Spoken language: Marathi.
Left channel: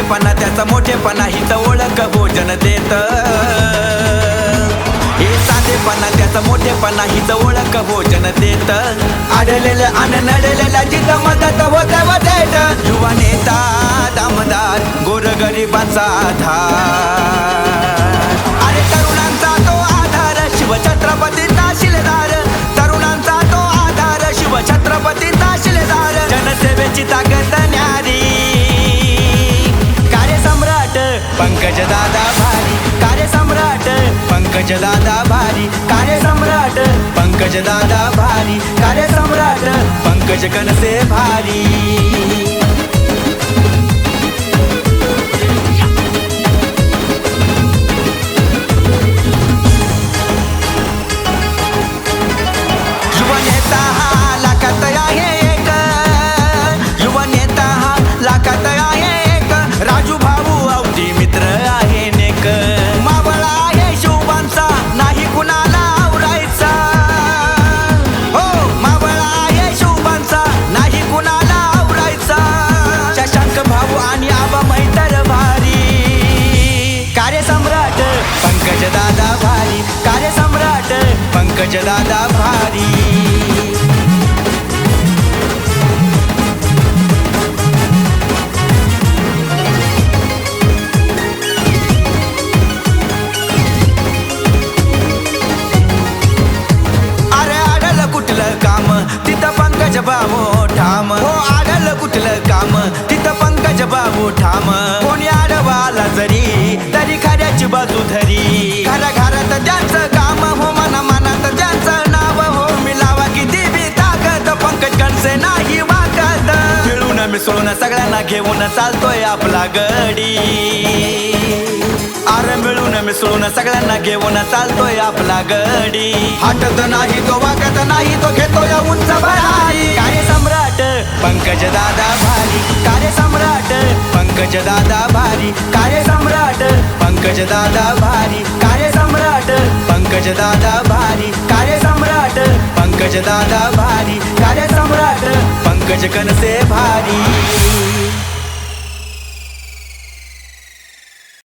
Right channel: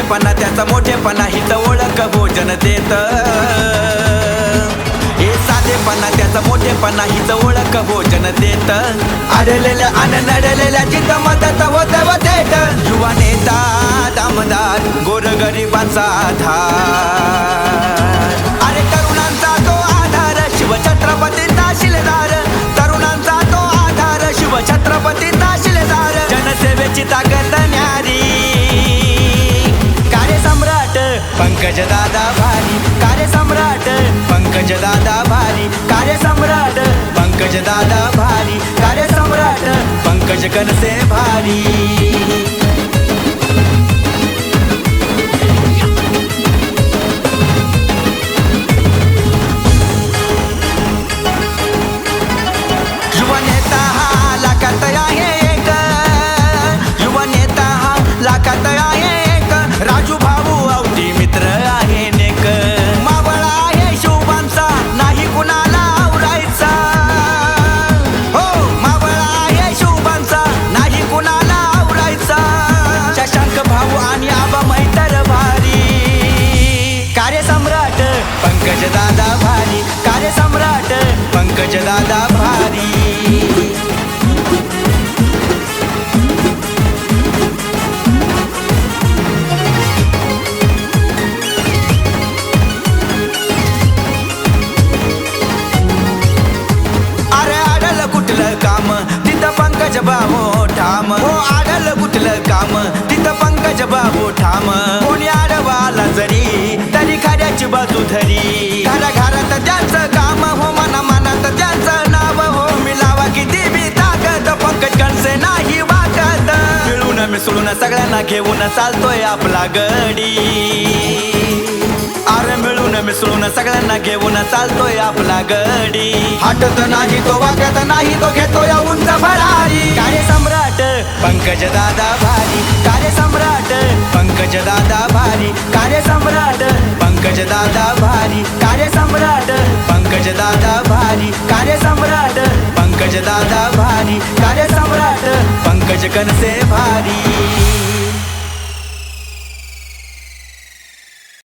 साधेपणा त्याचा मोठेपणा हित ओळख भोजन देत. हे साधेपणा त्याचा मोठेपणा हिच ओळख भोजन देत. अडलेलं आणि नडलेल्या जित मदत होत देत युवा नेता दामदार गोरगरिबांचा आधार. अरे तरुणांचा तो आधार शिवछत्रपतींचा शिलेदार तरुणांचा तो आधार शिवछत्रपतींचा शिलेदार जनसेवेची ताकद पंकज दादा भारी कार्यसम्राट. पंकज दादा भारी कार्यसम्राट. पंकज दादा भारी कार्यसम्राट. पंकज कनसे भारी. पंख भाऊ आणि आबा मैतर भारी. कार्यसम्राट पंकज दादा भारी. कार्यसम्राट पंकज दादा भारी. अरे आडल कुठलं काम? तिथं पंकज बाबू ठाम. सुटलं काम? तिथं पंकज बाबू ठाम. कोणी आडवाला जरी तरी खऱ्याची बाजू धरी. घरा घरात त्यांचं काम हो मना मनात त्यांचं नाव हो मिलावा. किती बी ताकद पंकज कणसे नाही वाकत. मिळून मिसळून सगळ्यांना घेऊन चालतोय आपला गडी. अरे मिळून मिसळून सगळ्यांना घेऊन चालतोय आपला गडी. हटत नाही तो वागत नाही तो घेतोय उंच भरारी. कार्यसम्राट पंकज दादा भारी कार्यसम्राट. पंकज दादा भारी कार्यसम्राट. पंकज दादा भारी कार्यसम्राट. पंकज दादा भारी कार्यसम्राट. पंकज दादा भारी कार्यसम्राट. पंकज कनसे भारी.